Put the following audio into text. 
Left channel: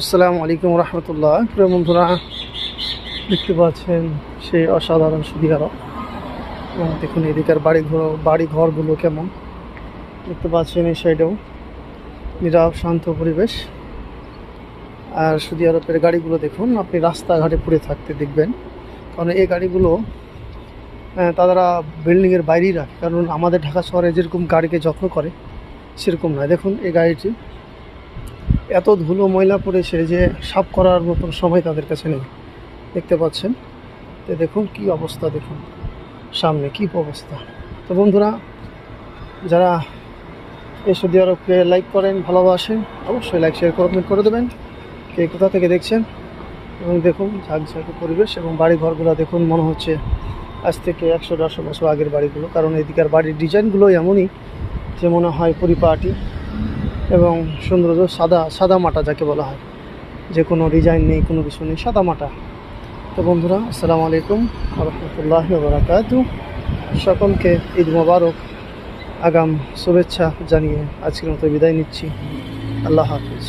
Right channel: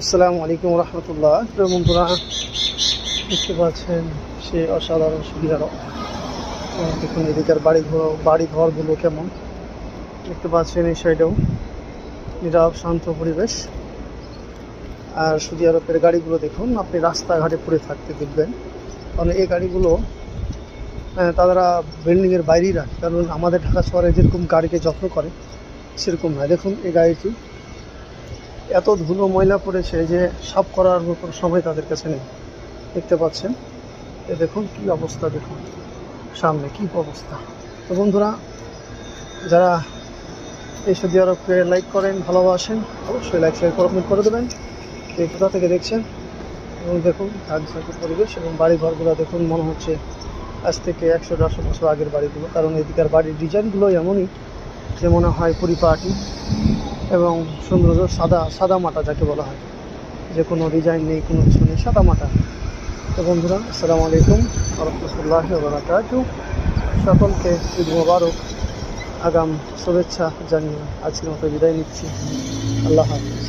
আসসালামু আলাইকুম রহমতুল্লাহ। প্রিয় বন্ধুরা, দেখতে পাচ্ছেন সেই অসাধারণ সৌদি আরব। এবং দেখুন এদিকের বাড়ি ঘরগুলো কেমন দেখতে পাচ্ছেন। এই সাইডেও নীরব শান্ত পরিবেশ। আর সৌদি আরবের গাড়িগুলো দেখুন, আপনি রাস্তাঘাটে পড়ে থাকতে দেখবেন, কারণ এই গাড়িগুলো তারা বিল্ডিংয়ের বাইরেই রাখে। কারণ আমাদের ঢাকা শহরে যেরকম গাড়িকে যত্ন করে সেরকম নয়। দেখুন এই গাড়িটি এত ধুলো ময়লা পড়েছে যে সাফ করার মতো সময় তাদের কাছে নেই। দেখতে পাচ্ছেন, তো দেখুন কি অবস্থা, দেখুন সামনে কি অবস্থা। তো বন্ধুরা, যারা এই সৌদি আরবকে লাইক করেন, ভালোবাসেন, অবশ্যই লাইক শেয়ার কমেন্ট করে দেবেন। কে কোথা থেকে দেখছেন। এবং দেখুন ঝাঁকঝাঁকে পরিবেশ এবং বাড়ি ঘরগুলো দেখুন, মনে হচ্ছে আজ থেকে 100-150 বছর আগের বাড়িগুলো। কারণ এদিকের বাড়ির ডিজাইনগুলো এমনই যে মনে হয় পরিপাটি এবং সৌন্দর্য সাদা মাটা যাকে বলা হয়, যে কোনো ডিজাইন নেই, কোনো কিছু নেই, সাদা মাটা। তো বন্ধুরা, আসসালামু আলাইকুম রহমতুল্লাহি ওয়া বারাকাতুহু। সকলকে ঈদ মোবারক আগাম শুভেচ্ছা জানিয়ে আজকের মতো বিদায় নিচ্ছি। আল্লাহ হাফিজ।